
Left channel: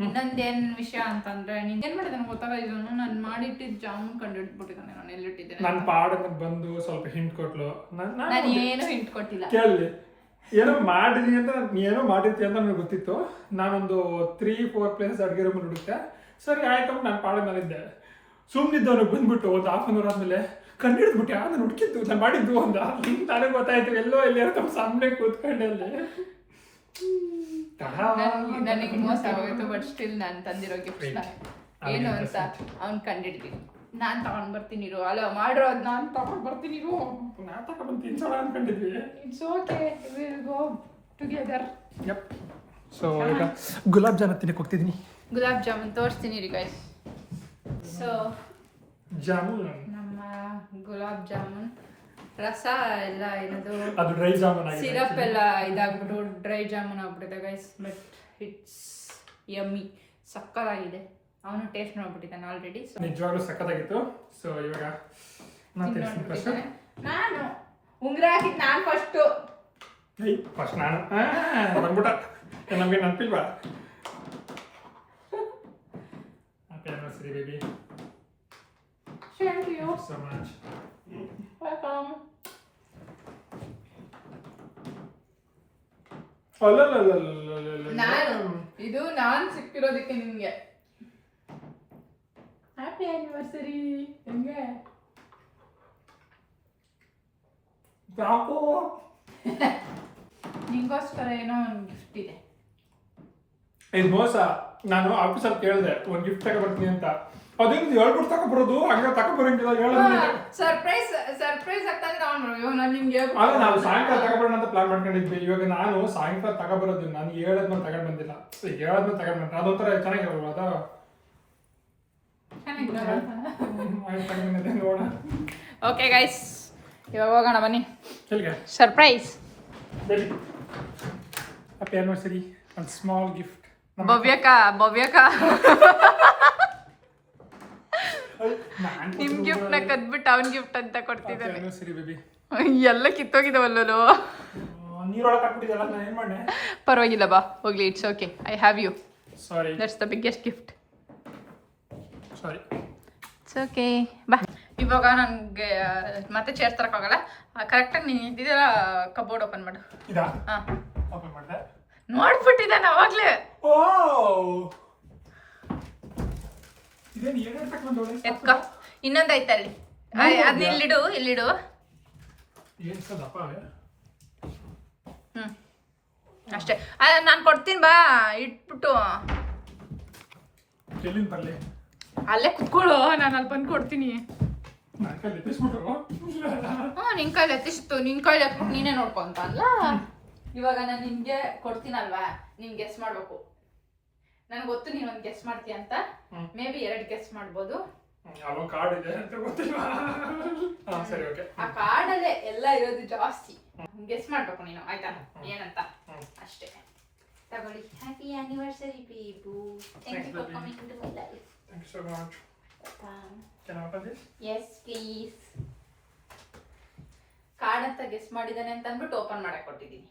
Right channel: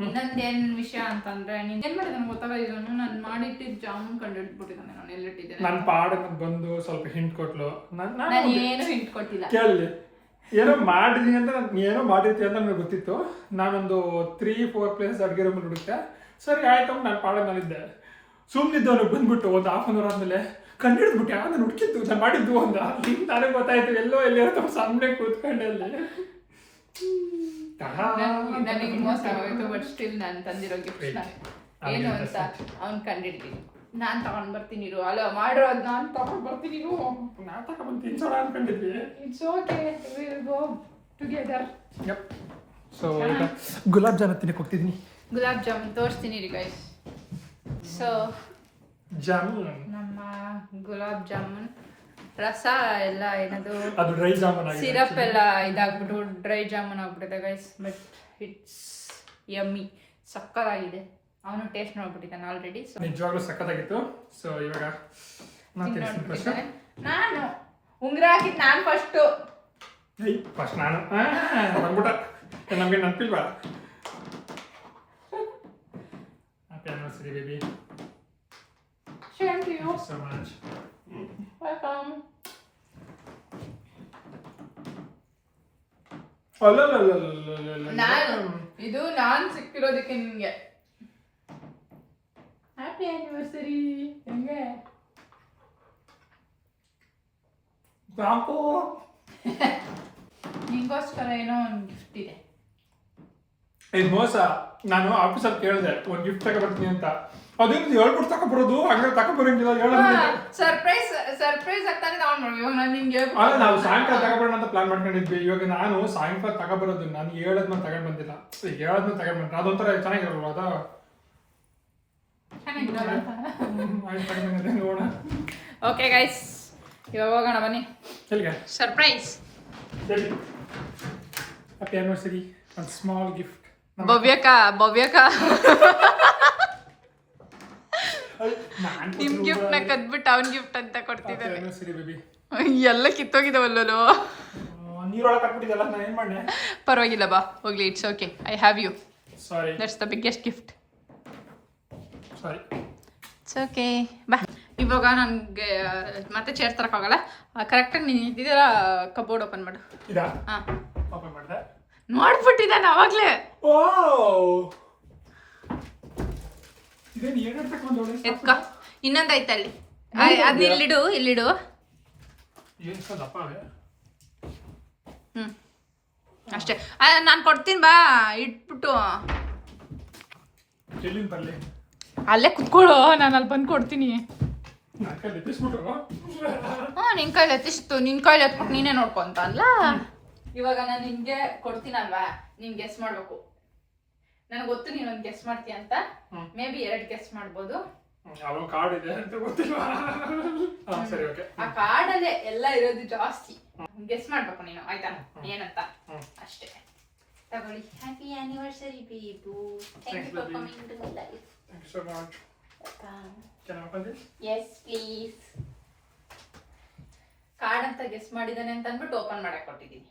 ಇನ್ನೊಂದೇನು ವಿಷಯ ಅಂತಂದ್ರೆ, ನೀನು ಏನು ಮಾಡಿದೆ ನನಗೆ ಗೊತ್ತಾಗಿದ್ದು. ನಾನು ಮಾಡಿಟ್ಟಿದ್ದು ಜಾಮೂನ್ ಕಂಡು ಹಿಡ್ಬಿಟ್ಟಿದ್ದಾನೆ. ನಾನು ಎಲ್ಲಿಟ್ಟಿದ್ದೇನೆ ನನ್ನ ಪಾಡನ್ನ ಬಂದು ಸ್ವಲ್ಪ ಹಿಂಟ್ ಕೊಟ್ಲು. ನಾನು ಏನು ಹಿಂಟ್ ಕೊಟ್ಟಿಲ್ಲ. ಕೇಳಿ, ಏನೋ ಮಾಡಿದೀನಿ ಅಂತ ಏನೋ ಮಾಡಿರ್ತೀವಿ ಅಂತ ನನಗೆ ಗೊತ್ತಿತ್ತು. ನಾನೊಂದು 3-4 ಪ್ಲೇಸಸ್ ಅಡುಗೆ ರೂಮಲ್ಲಿ ಹುಡುಕ್ತೆ. ಸರಿ ಆಯ್ತು, ನಾನು ಪಾಡಕ್ಕೆ ನಾನಿದ್ದೆ. ಸುಮ್ಮನಿದ್ದವನಿಗೆ ಬಂದ್ಬಿಟ್ಟು ಒಂದು ಹಾಫ್ ಅನ್ ಅವರ್ ಆದಮೇಲೆ ಕಂಡು ಹಿಡಿದ್ಬಿಟ್ಟು ನಾನು ಹುಡುಕಿದ್ದು ನಾನು ಮಾಡಿದ್ದು ಅಂದ. ಹಿಂಗೆ ನನಗೆ ಗೊತ್ತಾಯ್ತು ಎಲ್ಲೋ ತಮ್ಮ ಸಾಮನೆ ಕೂತ್ಕೊಂಡಲ್ಲಿ. ನನಗೆ ಮೋಸ ಆಗೋಯ್ತು. ಬಟ್ ಸ್ಟಿಲ್ ನಾನು ತಂದಿರೋ ಗಿಫ್ಟ್ ಏನು ಅಂತ ಅವ್ನು ಕಂಡಿಡ್ತೀನಿ. ನಾನು ತಗೊಂಡ್ ಬರ್ತೀನಿ ಇರು. ಅಲ್ಲ ಮಾಡಿರೋದು ನಾನು ತಗೊಂಡ್ ಬರ್ತೀನಿ ಇರು. ನಾನು ತಗೊಂಡ್ಬಂದು ತಿನ್ಸೋಣ ಅನ್ಕೊಂಡಿದ್ವಿ. It's okay, we'll go together. Yup. So ಈಗ ಗುಲಾಬ್ ಜಾಮೂನ್ ತಿನ್ನಕ್ಕೆ ಹೋಗ್ತಿದ್ದೀನಿ. ಗುಲಾಬ್ ಜಾಮೂನ್ ತೋರಿಸ್ತೀನಿ ರೀ ಗೈಸ್. ಸೊ ಜಾಮೂನ್, ನಮ್ಮ ಗುಲಾಬ್ ಜಾಮೂನ್ ರಸ ಎಲ್ಲ ಏನದು ಅದು ಡ್ರೈ ಜಾಮೂನ್ ಆಗಿದೆ. ಸಿರಪ್ ಎಲ್ಲ ಇದಾಗ್ಬಿಟ್ಟು ಡ್ರೈ ಜಾಮೂನ್ ಆಗ್ಬಿಟ್ಟಿದೆ ಗೈಸ್. ಬಟ್ ಇಟ್ಸ್ ಯಮ್ಮಿ, ಸಕ್ಕತ್ತಾಗಿದೆ. ಅವನು ಟೇಸ್ಟ್ ನೋಡ್ಬಿಟ್ಟಿದ್ದಾನೆ ಆಲ್ರೆಡಿ. ನಿಜವಾಗ್ಲೂ ಸಕ್ಕತ್ತಾಗಿತ್ತು. ಸೊ ಇವಾಗ ನಾನು ಉಂಗ್ರ ಹಾಕಿದ್ದು ನಾನು ಫಸ್ಟ್ ನಾನು ಬಂದ್ಬಿಟ್ಟ. ನಮಗೆ ನೆನಪಿಲ್ವಾ? Happy anniversary baby. Same to you. So much. Welcome. ಇದು ನಾನು ಸಿಕ್ಕಿರೋದಕ್ಕೆ ನಿಮಗೆ ಹ್ಯಾಪಿ ಆನಿವರ್ಸರಿ. ಹೆಂಗೆ ಸಾಕು. ನಿಂಗೋಸ್ಕರ ಏನೋ ಒಂದು ಗಿಫ್ಟ್ ಇದೆ. ಇದು ಮೋಸ. ನಾನು ಆಫೀಸಲ್ಲಿ ಕೇಳಿದೆ ಒಂದು ಗಿಫ್ಟ್ ತಗೊಬರ್ತೀನಿ ಅಂತ. ಅದೇನು ಹೇಳ್ಬಿಟ್ಟು ತಗೊಬರೋದು, ಹಂಗೆ ತಗೊಬರಂಗಿಲ್ಲ. ಸರ್ಪ್ರೈಸ್ ಆಗ್ತಾನೆ ತಗೊಂಡ್ಬರ್ಬೇಕು. ಇವಾಗ ನಾನು ನಿಮ್ಗೆ ಅಲ್ಲ, ನಾವು ಸಾಯಂಕಾಲ ತಗೊಬರೋಣ ಅಂತ ಪ್ಲಾನ್ ಮಾಡ್ಕೊಂಡಿದ್ವಿ. ಇವಾಗ ನಾನು ಸಾಯಂಕಾಲ ತಗೊಬರೋದು, ನಾನು ಹೇಳದ್ಮೇಲೆ ತಗೊಂಡ್ ಬಂದಿಲ್ಲ. ಹೇಳದ್ಮೇಲೆ ತಗೊಂಡ್ ಬಂದ್ರೆ ಅದೊಂಥರ ಚೆನ್ನಾಗಿರಲ್ವ? ಅದು ಓಕೆ ಗೈಸ್, ಇವಾಗ ಹೋಗೋಣ ಬನ್ನಿ. ಎಲ್ಲಿಗೆ ಸರ್ಪ್ರೈಸ್. ಹ್ಯಾಪಿ ಆನಿವರ್ಸರಿ, ಒಂದು ಸ್ಮಾಲ್ ಗಿಫ್ಟ್. ಭವ್ಯಕ ನಿಮ್ ಗಿಫ್ಟ್ ನ ಕದ್ಬಿಟ್ಟು ಅವನ್ ಗಿಫ್ಟ್ ಅಂತ ಕೊಡ್ತಿದ್ದಾನೆ. Anniversary baby. ಎಲ್ಲ ಕಿತ್ತೋಗಿದಾವಲ್ಲೋ. ನೀರೊಳಗೆ ಹಾಕ್ಬಿಟ್ಟಿದ್ದಲ್ಲ, ನಾನು ಏನು ಮಾಡೆ? ಪರವಾಗಿಲ್ಲ ಬಾ ಹೋಗ್ಲಿ, it's okay. I have you. Sorry, that's the biggest gift. Sorry, it's okay ಬಾ. ಇವಾಗ ನನಗೆ ಮತ್ತೆ ಚೇರ್ ತರಕ್ಕಾಗಲ್ಲ. ಕರೆಕ್ಟಾಗಿ ನೀನು ಇದ್ದಿದ್ದಲ್ಲ, ಕಬೋರ್ಡ್ ಓಪನ್ ಮಾಡು. ಇದಾ ಹಾಂ, ಓಪನ್ ಮಾಡಿದೆ. ನೋಡ್ಬಿಟ್ಟಿದ್ದಾನೆ ಅವಾಗಲೇ. ಓ ಇದೇನು ಏನು ತಗೊಂಡು ಎತ್ಕ. ಇನ್ನೊಂದು ಐತಲ್ಲಿ, ಅದು ಇಲ್ಲಿಡು. ಏನು ಸಹ ದಪ್ಪ ಅವೆ. ಅಷ್ಟೇ. ನಾನು ಕೊಡ್ತೀನಿ ಬಾ, ಇಟ್ಬಿಟ್ಟು ಎಲ್ಲಿಂದ ಬರಲಿ? ಅಲ್ಲೇ ಕುತ್ಕೊಳ್ಳೋ, ನಾನು ಅಲ್ಲಿ ಬಂದು ಕೊಡ್ತೀನಿ. ನನ್ನ ಕೈ ಎತ್ತಿಸ್ಬಿಟ್ಟು ನಿನ್ ಕೈಲಿ ಎತ್ತಿಸ್ತು, ನಿನ್ ಕೈಲಿ ಎತ್ಬಿಟ್ಟು ನೀನೇ ನೋಡ್ಕೊಂತ ಅಲ್ಲ. ಇವಾಗ ನಾನು ನಿನ್ಗೆ ಕೊಡ್ತೀನಲ್ವಾ, ನೀನ್ ಗೆಸ್ ಮಾಡ್ಬೇಕು. ನನಗೆ ಗೊತ್ತು ನೀನ್ ಒಂದು ಗೆಸ್ ಮಾಡ್ತೀಯ ಅಂತ. ಮೇ ಬಿ 2 ಗೆಸ್ ಮಾಡ್ಬೋದು. ಯಾವ ಕಾರ್ಡ್ ಇದೆ ಅಂತ ಗೊತ್ತಿಲ್ಲ. ಸರಿ, ಓಕೆ. ಆ ಕಾರ್ಡಲ್ಲೇ ಎಲ್ಲ ಇರೋದು ಜಾಸ್ತಿ. ಗೆಸ್ ಮಾಡ್ಬೇಕು ನೀನು, ಆಯ್ತಾ? ಏನಂತ ಅಷ್ಟೇ. ತಗೊಳ್ಳಿ. ಹ್ಯಾಪಿ ಆನಿವರ್ಸರಿ ಬೇಬು. Thank you for coming to my life. Thank you so much. Can I open this? Yes please. Card ಅಂತ ಗೆಸ್ ಮಾಡಿದಾನೆ ಅಂತ ಅಂದ್ಬಿಟ್ಟು ಓಪನ್ ಮಾಡಕ್ ಕೊಟ್ಟಿದ್ದೀನಿ.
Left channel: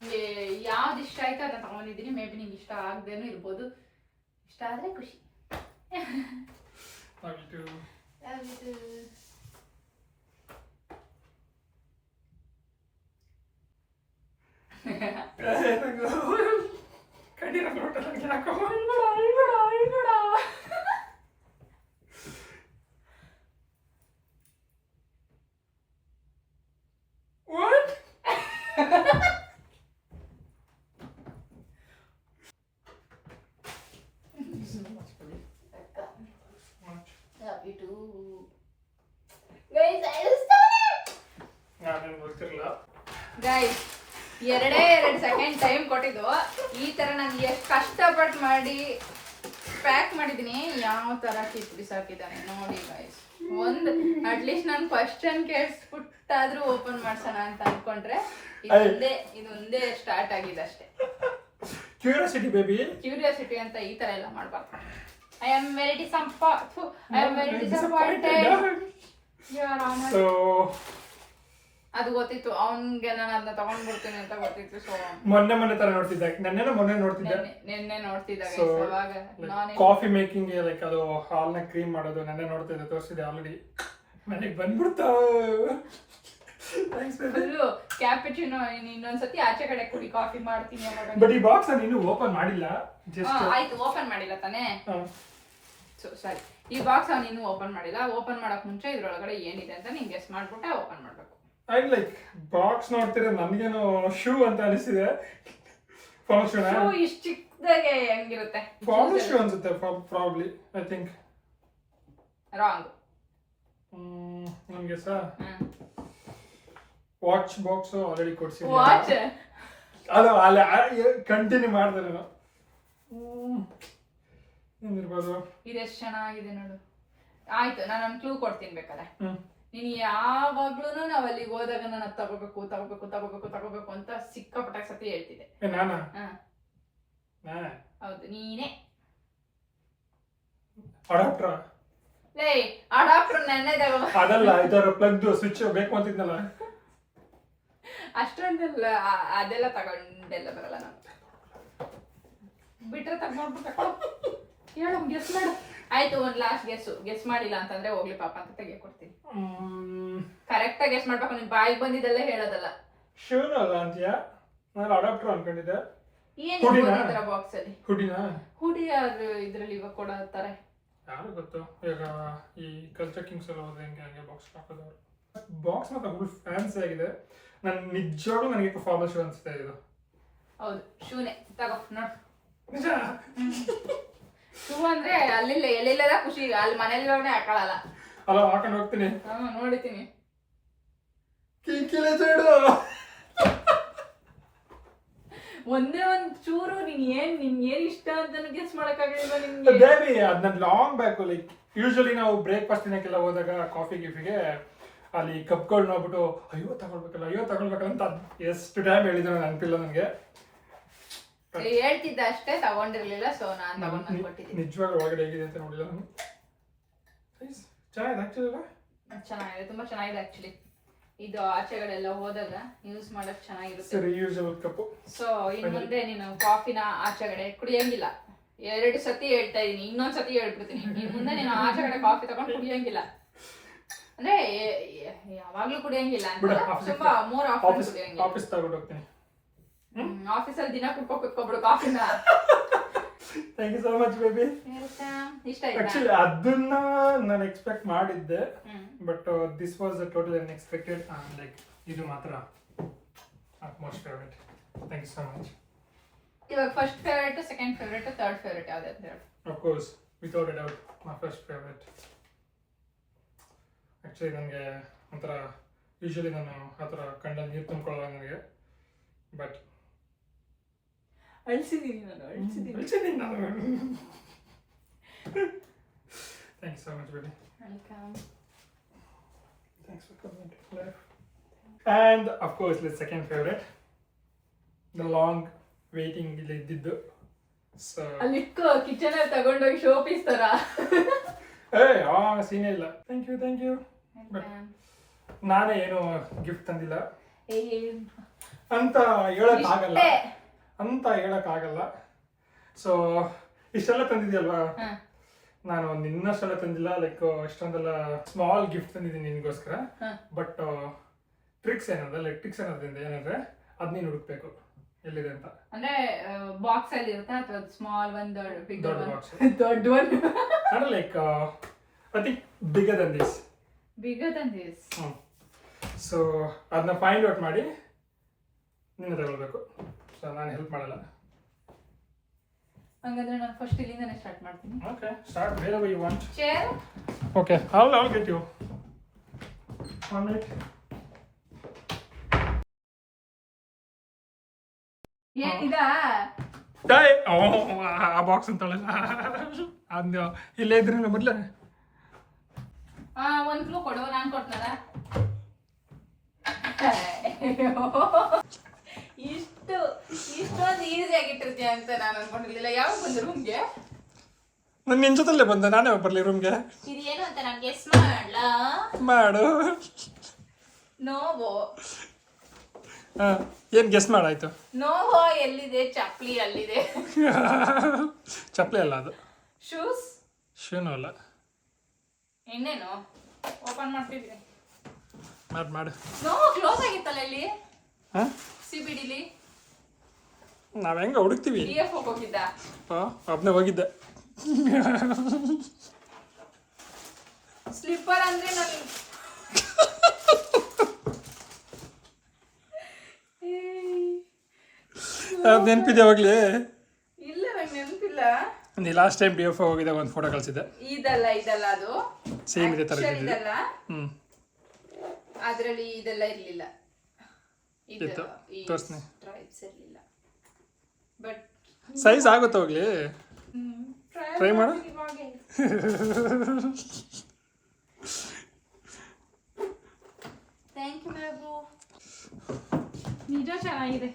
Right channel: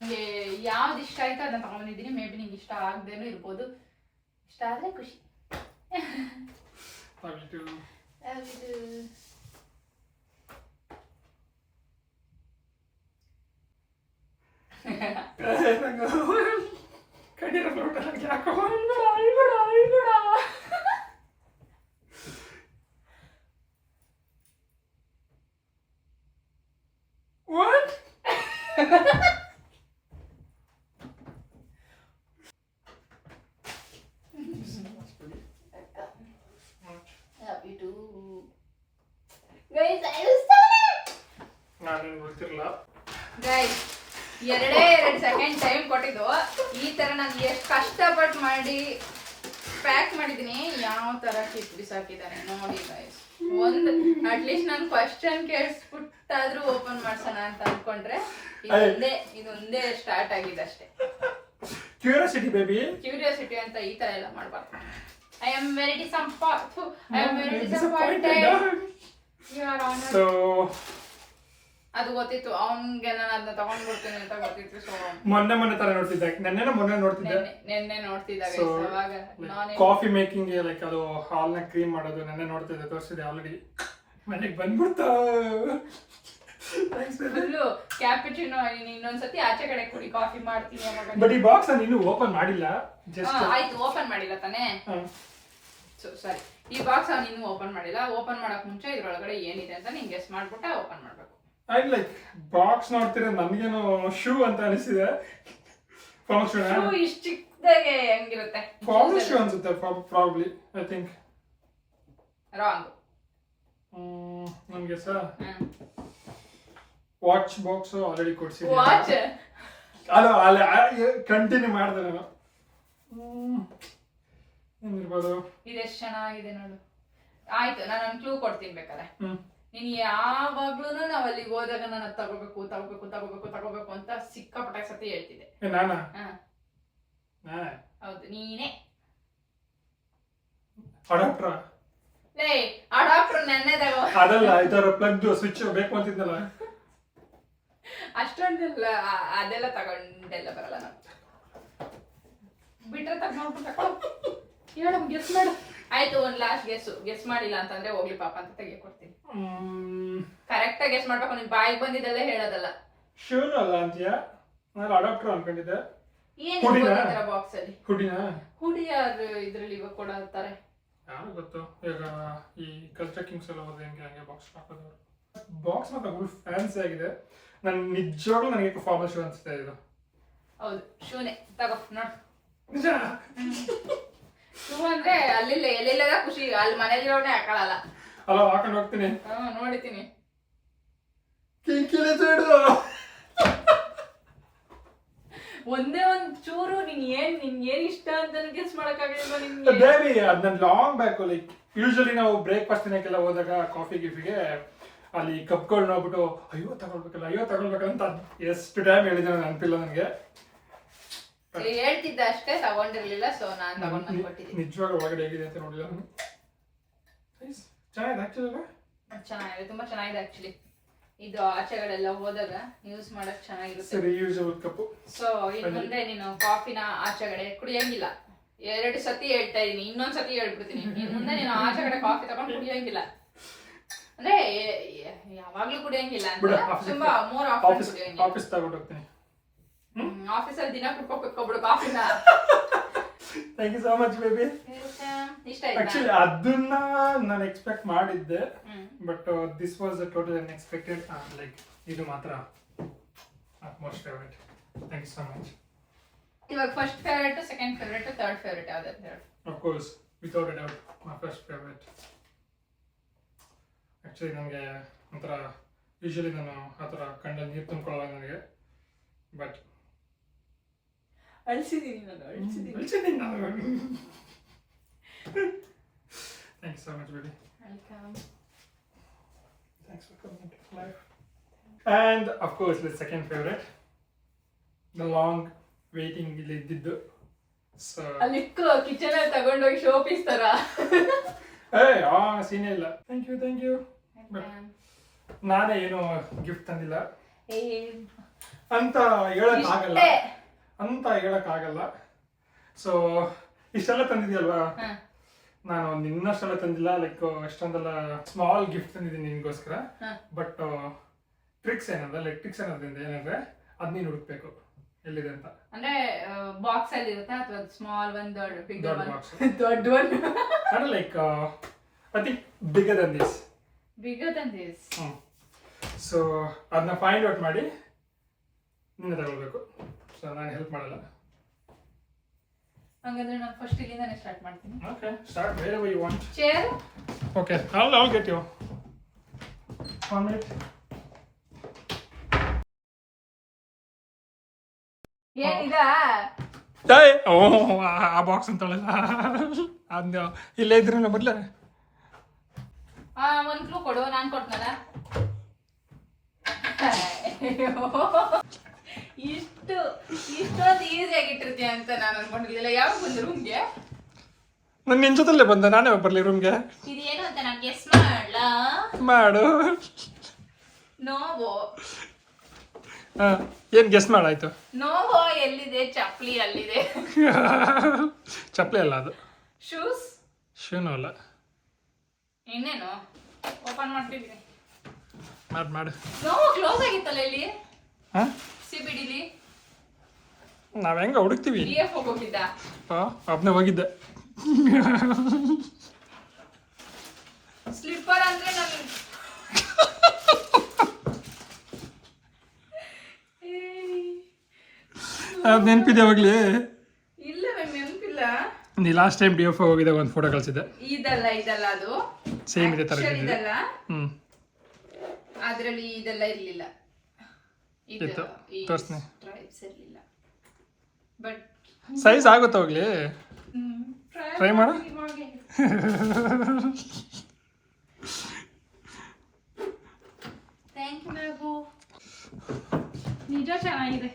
ನಿಮಗೆ ಯಾವ್ದು ಇಷ್ಟ ಆಯ್ತು ಅದನ್ನ ತಗೊಂಡಿದ್ದೀನಿ. ಮೇ ಬಿ ನಿಂಗೆ ಇಷ್ಟ ಆಗದೇನೂ ಇರ್ಬೋದು. ಇಷ್ಟ ಆದ್ರೆ ಖುಷಿ. ಗೈಸ್, 2 ಸೆಕೆಂಡ್ ಟೈಮ್ ಕೊಟ್ಟಿದ್ದು. ಈ ತರ ನಾನು ಎಷ್ಟು ಕಷ್ಟಪಟ್ಟು ಮಾಡಿ ಪ್ಯಾಕ್ ಮಾಡಿದೀನಿ. ಯಾವ ತರ ಕಿತ್ ಬಿಸಾಕಿದ್ದಾನೆ ನೋಡಿ ಗೈಸ್. ಒಂದು ಅಟ್ಲೀಸ್ಟ್ ನಾನು ಕ್ವಶನ್ ಕೇಳಿಸ್ಬಿಟ್ಟಾದ್ರೂ ಓಪನ್ ಮಾಡ್ಸೋಣ ಅಂತ ಅನ್ಕೊಂಡ್ರೆ ಇದೊಂದೇ ಸ್ಟಾರ್ಟ್ ಆಗಿದೆ ಅಷ್ಟೇ. ಕ್ಯೂರಿಯಾಸಿಟಿ ಬೇಬಿ, ಕ್ಯೂರಿಯಾಸಿಟಿ ಅಂತ ಈ ತರ ಎಲ್ಲ ಮಾಡ್ಬಾರ್ದು. I am very disappointed. ಅದು ಗೊತ್ತಿತ್ತು ಅವನ್ಗೆ, ನಾನು ಅದನ್ನ ತಗೊಂಡ್ಬಿಡ್ತೀನಿ ಅಂತ ಗೊತ್ತಿತ್ತು. ಸೊ ಮೊನ್ನೆ ತರ ನೋಡ್ತಿದ್ದೆ. ಮೊನ್ನೆ ನೋಡ್ತಿದ್ದೆ. ನೆನ್ನೆ ನೋಡ್ತಿದ್ದಾಗ ಕಾಫಿ ಮೇಕಿಂಗ್, ಲೈಕ್ ಅದು ಹಾಲ್ನ ಕ್ರೀಮ್ ಮಾಡೋದು ನೆನ್ನೆ ನೋಡ್ತಿದ್ದೆ, ತೋರಿಸಿದೆ ಆಲ್ರೆಡಿ. ಮನೆಗೆ ಬಂದ್ಬಿಡ್ತಾವ. Full cappuccino. ಇನ್ನೊಂದ್ಸತಿ ಆಚೆ ಕಡೆ ಕುಡಿ, ಕಾಫಿ ಮಾಡ್ತೀನಿ. ಬಟ್ ಈ ಬಾಕ್ಸ್ ನಾನು ಇನ್ನೂ ಓಪನ್ ಮಾಡಿಲ್ಲ. ಆಯ್ತು, ಓಪನ್ ಮಾಡಿಲ್ಲ ತಾನೇ? ಸಾರಿ, ಈ ಬಾಕ್ಸ್ ಅವ್ನು ಇನ್ನೂ ಓಪನ್ ಮಾಡಿಲ್ಲ. ಓಪನ್ ಮಾಡಕ್ ಮುಂಚೆ ಇದ್ರೊಳಗಡೆ ಏನಿದೆ ಅಂತ ನಿಂಗೆ ಗೆಸ್ ಮಾಡ್ಬಿಟ್ಟೆ ಓಪನ್ ಮಾಡ್ಬೇಕು. ಐ ಲೈಕ್ ಬಾಕ್ಸ್ ನೋಡ್ತೀರ, ನನ್ಗೇನೋ ಶೂ ಅಂತ ಅನಿಸಿದೆ. ಶೂ ಇಷ್ಟು ಚಿಕ್ಕದಾಗೆ ಹೆಂಗಿರುತ್ತೆ? ಫಾರ್ಮಲ್ ಶೂ ಅನ್ಸುತ್ತೆ ಪ್ರಾಬ್ಲಿ. I think wrong. ನನ್ಗೆ ಸಹ ವಾಚ್ ಬಾಕ್ಸ್ ಆಲ್ರೆಡಿ ಕೊಡ್ಸಿದ್ದೆ. ವಾಚ್ ಅಲ್ಲ ಕಂಟಿನ್ಯೂ ಮಾಡಿದೆ ನಾನು. ಏನಿರ್ಬೋದು? ಇದೆಷ್ಟು ಚೆನ್ನಾಗಿದೆ ನೋಡು. ಆಯ್ತು, ನಾನು ಒಂದು ಕ್ಲೂ ಕೊಡ್ತೀನಿ ಬೇಕಾದ್ರೆ. ನೀನು ಯಾವಾಗ್ಲೂ ನಾವ್ ಅಲ್ಲಿಗೆ ಹೋದಾಗ ನಾನು ತಗೋಬೇಕು ಅಂತ ಸಿಕ್ಕಾಪಟ್ಟ ಸತಿ ಹೇಳ್ತಿದ್ದೆ. ನಾನಾ? ಹೌದು, ನೀನೇ. ಅಡಾಪ್ಟರ್? ಲೇ, ಅಡಾಪ್ಟರ್ ನನ್ನೇ ತಗೋ. ಅದಲ್ಲ, ಇದರ ಪ್ಲಗ್ ಸ್ವಿಚ್ ಬೇಕು ಅಂತಿದ್ನಲ್ಲ. ಅಷ್ಟೊಂದೆಲ್ಲ ಅದೆಲ್ಲ ತಗೊಂಡೆಲ್ಲ ಬರಲ್ಲ ನಾನು. ಬಿಟ್ರೆ ತಗೊಂಡ್ಬಿಟ್ಟು ಹೇಳು, ಗೆಸ್ ಮಾಡು. ಆಯ್ತು, ಒಂದ್ ಲಾಸ್ಟ್ ಗೆಸ್ ಮಾಡಿಲ್ಲ ಅಂತಂದ್ರೆ ಹೋಗ್ಲಿ ಪಾಪ ಅಂತ ತೆಗೆ ಕೊಡ್ತೀನಿ. ಕರೆಕ್ಟ್ ಆಗಿ ಗೆಸ್ ಮಾಡ್ಬೇಕು. ನಿನ್ ಬಾಯಿಗೆ ಬಂದಿದ್ದಲ್ಲೇ ಹೇಳೋದಲ್ಲ. ಶೂನ ಅಲ್ಲ ಅಂತೀಯ? ನಾನು ಅಡಾಪ್ಟರ್ ಅನ್ಕೊಂಡಿದ್ದೆ. ಏನಿದೆ ಬಾಕ್ಸ್ ಅಲ್ಲಿ? ಹುಡಿ ಯಾರು ಇದ್ರಲ್ಲಿ ಇವಾಗ ಕೊಡತ್ತಾರೆ? ಯಾರು ಗೊತ್ತು. ಈಗ ಈ ಕಲ್ಚರ್ ಕಿಂಗ್ಸ್ ಎಲ್ಲ ಹೋದ್ರೆ ಹಂಗೆ ಬಾಕ್ಸ್ ಹಾಕೋದವ್ರು. ಬಾಕ್ಸ್ ಮಾತ್ರ ಫುಲ್ ಫ್ಯಾನ್ಸಿ ಆಗಿದೆ. ನಿಜವಾಗ್ಲೂ ನನಗೆ ಫಾರ್ಮಲ್ ಶೂ ಅನ್ಸುತ್ತೆ ಇದು. ಹೌದು, ಶೂನೇ ತಗೋ ನೋಡು. ನಿಜ? ಶೂ ಅಂದ್ರೆ ಅಲ್ಲಿಲ್ಲ ಎಲ್ಲಿಲ್ಲದ ಖುಷಿ, ಅಲ್ಲಿ ಮನೇಲಿರೋನೇ ಹಾಕೊಳ್ಳಲ್ಲ. ಅಲ್ಲ, ಹಾಕೊಂಡು ಹೋಗ್ತೀನಿ. ನೋಡಿತೀನಿ. ಒಂದೇ ಒಂದ್ ಚೂರು ನಿನ್ ಏನ್ ಇಷ್ಟ ಅಂತ ಗೆಸ್ ಮಾಡಕ್ಕಾಗಲಿಲ್ವಾ ನಿಮ್ಗೆ? ಬೇಬಿ, ಅದ್ ನನ್ ಲಾಂಗ್ ಬ್ಯಾಕ್. ಲೈಕ್ ಯೂಶಲಿ ನಾವು ಬ್ರೇಕ್ಫಾಸ್ಟ್ ತಿನ್ನಕ್ಕೆಲ್ಲ ಹೋದಾಗ ಕಾಫಿ ಗಿಫಿಗೆ ಅಲ್ಲಿ ಕಪ್ಗಳು ನೋಡ್ಬಿಟ್ಟು ಅಯ್ಯೋ ತಗೊಳ್ಬೇಕಲ್ಲ ಅಂತ ಎಷ್ಟು ಟೈಮ್ ಹೇಳಿದ್ರು ನೆನಪಿಲ್ಲ ನನಗೆ. ಹೇಳ್ತಿದ್ದ ಅಷ್ಟೇ, ತಗೊಂಡಿರ್ಲಿಲ್ಲ. ಸೊ ನಾನು ತಗೊಂಡು ಕೊಟ್ಟಿದ್ದೀನಿ. ನಿಜವಾಗ ಒಳಗಡೆ ಹೇಗಿದೆ ಅಂತ ನೋಡಿಲ್ಲ ನಾನು. ಚೆನ್ನಾಗಿದೆ ಆಕ್ಚುಲಿ. ಚೆನ್ನಾಗಿದೆ, ತುಂಬಾ ಚೆನ್ನಾಗಿದೆ ಆಕ್ಚುಲಿ. ಇದು ಆಚೆಗಡೆ ಎಲ್ಲ ಹೋದಾಗ ಯೂಸ್ ಮಾಡಕ್ ಚೆನ್ನಾಗಿರುತ್ತೆ. ಸರಿ, ಯೂಸಬಲ್ ಕಪ್. ಸೊ ಇನ್ನು ಮುಂದೆ ನೀನು ಕಾಫಿನ ಆಚೆಗಡೆ ಕುಡಿಯಂಗಿಲ್ಲ. 2 ಸತಿ ಹೇಳ್ತಾ ಇದೀನಿ, ಇನ್ನೊಂದ್ ಸತಿ ಹೇಳ್ಬಿಡ್ತೀನಿ. ಇನ್ ಮುಂದೆ ನೀನು ಆಚೆಗಡೆ ಕಾಫಿ ತಗೊಂಡು ಕುಡಿಯಂಗಿಲ್ಲ. ಅಂದ್ರೆ ಯಾವಾಗ್ಲೂ ಕುಡಿಯಂಗಿಲ್ಲ ಅಂತ, ತುಂಬಾ ಮೋರ್ ಆಫರ್ ಕುಡಿಯಂಗಿಲ್ಲ. ಆಫೀಸ್ ತಗೊಂಡು ಹೋಗ್ತೀನಿ. ಆಫೀಸಲ್ಲಿ ದಿನ ಕುಟ್ಕೋಬಿಡು ಕಾಫಿನ. Thank you so much baby. ಇಷ್ಟ ಆಯ್ತಾ? ಆಕ್ಚುಲಿ ಅದನ್ನ ನಾನು ಎಕ್ಸ್ಪೆಕ್ಟ್ ಮಾಡಿದ್ದೆ, but this was total unexpected. Like ಇದು ಮಾತ್ರ most favourite. Thank you so much. ಇವಾಗ first favourite, second favourite, third favourite ಯಾವ್ದು ಅಂತ ಹೇಳಿ. Of course without a doubt my first favourite. Actually ನನಗೆ ಒಂಥರ ಯೂಶಲಿ ನಾನು ಆ ಥರ ಕಂಡಲ್ಲಿ ನೀರು ತುಂಬ್ಕೊಳ್ಳೋಲ್ಲ ನನಗೆ, ಬಟ್ ಅಳಿಸಿದ್ದೀನಿ ನಾನು. Thank you so much baby. Welcome. Thanks for coming into life. And of course, the second favorite, the long waiting ಇಲ್ಲಿ ಇದ್ದಿದ್ದು. So ಅಲ್ಲಿ ಕಿಚನ್ ಅಲ್ಲಿ ತಗೊಂಡೋಗಿ ಶೋ ಪೀಸ್ ತರ. ಸೀನೇ ಇಲ್ಲ. Thank you. ನಾನೇ ಏನು ಗಿಫ್ಟ್ ತಂದಿಲ್ಲ ಅಂತ ಹೇಳಕ್ಕಾಗಲ್ಲ. ಸೊ ಇಷ್ಟೆಲ್ಲ ತಂದಿದ್ಯಲ್ವಾ, ನಾನು ನಿನ್ನಷ್ಟೆಲ್ಲ ತಂದಿಲ್ಲ. ಲೈಕ್ ಅಷ್ಟೊಂದೆಲ್ಲ ಸ್ಮಾಲ್ ಗಿಫ್ಟ್ ತಂದಿದ್ದೀನಿ ನಿನ್ಗೋಸ್ಕರ. ಬಟ್ ಟ್ರಿಕ್ಸ್ ಏನದ್ರಿಂದ ಏನಂದ್ರೆ ಅದ್ ನೀನು ಹುಡುಕ್ಬೇಕು ಎಲ್ಲಿದೆ ಅಂತ. ಅಂದ್ರೆ ಬಾಕ್ಸ್ ಅಲ್ಲಿ ಇರುತ್ತೆ ಅಥವಾ ಸ್ಮಾಲ್ ಒನ್, ದೊಡ್ಡ ಬಾಕ್ಸ್, ದೊಡ್ಡ ಒನ್. ಅಂದ್ರೆ like I think bigger than this. So ಅದನ್ನ ಫೈಂಡ್ ಔಟ್ ಮಾಡಿ ನೀನು ತಗೊಳ್ಬೇಕು. ಸೊ ನಾನು ಹೆಲ್ಪ್ ಮಾಡಲ್ಲ. ಹಂಗಾದ್ರೆ ನಾನು ಫಸ್ಟ್ ಇಲ್ಲಿಂದಾನೆ ಸ್ಟಾರ್ಟ್ ಮಾಡ್ತೀನಿ. Okay, start wherever you want. Chair? Okay, I'll get you. 1 minute. ಏನಿದಾ? ಆ ಬಾಕ್ಸ್ ಅಂತಳಲ್ಲ, ಅದು ಇಲ್ಲೇ ಇದ್ರಿ ಮೊದಲೇ. ಒಂದು ಕ್ಲೂ ಕೊಡು, ನಾನು ಕೊಡ್ನಲ್ಲ. ಇಷ್ಟೊಂದು ಈಸಿಯಾಗಿ ಇಟ್ಟಿರ್ತೀಯ ಅಂತ ನಾನು ಅನ್ಕೊಂಡಿರ್ಲಿಲ್ಲ. ಯಾವಾಗ ಬಂದು ರೂಮ್ಗೆ? ನಾನು ನಿನ್ ಜೊತೆಲ್ಲೇ ಬಂದೆ, ನಾನೇ ಬರ್ಲಿ ರೂಮ್ಗೆ. ಇದೇನು ಅಂತ ನಾನು ಗೆಸ್ ಮಾಡು. ನೋವೋ. ಏನ್ ಗೆಸ್ ಮಾಡಾಯ್ತು? ನೋವೋ ಎಲ್ಲಿದೆ? ಚಪ್ಲಿ ಅಲ್ಲಿದೆ. ಚಪ್ಲಿ ಅಲ್ಲ ಅದು. ಶೂನು ಅಲ್ಲ. ಇನ್ನೇನು ಓಪನ್ ಮಾಡ್ತಿದ್ವಿ. ಮಾಡು. ನೋವು ಕ್ಲೋಸ್ ಆಗಿತ್ತಲ್ಲ ಇಲ್ಲಿ ಸಿಬಿಡಿಲಿ. ನಾವ್ ಹೆಂಗ ಹುಡುಕ್ತಿವಿ? ಹೋಗಿದ್ದ ಒಬ್ನೇ ಹೋಗಿದ್ದೆ. ಸ್ಲಿಪ್ಪರ್ ಅಂದ್ರೆ ನಾನು ನೆನಪಿದೆ ಅವಾಗ್ಲೇ? ಇಲ್ಲ, ನಂಗೆ ನೆನಪಿಲ್ಲ. ನೀ ಲಾಸ್ಟ್ ಟೈಮ್ DF ಹೋಗಿದ್ದೆ, ಒಂದು ಫೋಟೋ ಕಳಿಸಿದ್ದೆ. ಇದಲ್ಲ ಅದು ಸೇಮ್ ಇದೆ ತರ ಇದಲ್ಲ. ಅದರಲ್ಲಿ ಇದೆಲ್ಲ ಇರಲಿಲ್ಲ. ಇತ್ತು ತೋರಿಸ್ತೀನಿ. ಸ್ಟ್ರೈಪ್ಸ್ ಇರಲಿಲ್ಲ. ಬಟ್ ಸೈಜ್ ಆಗುತ್ತೆ ಹೋಗ್ಲಿ, ಟ್ರೈ ಮಾಡು. ಥ್ಯಾಂಕ್ ಯು ಬಾಬು. ನಿಜ ಚೆನ್ನಾಗಿದೆ.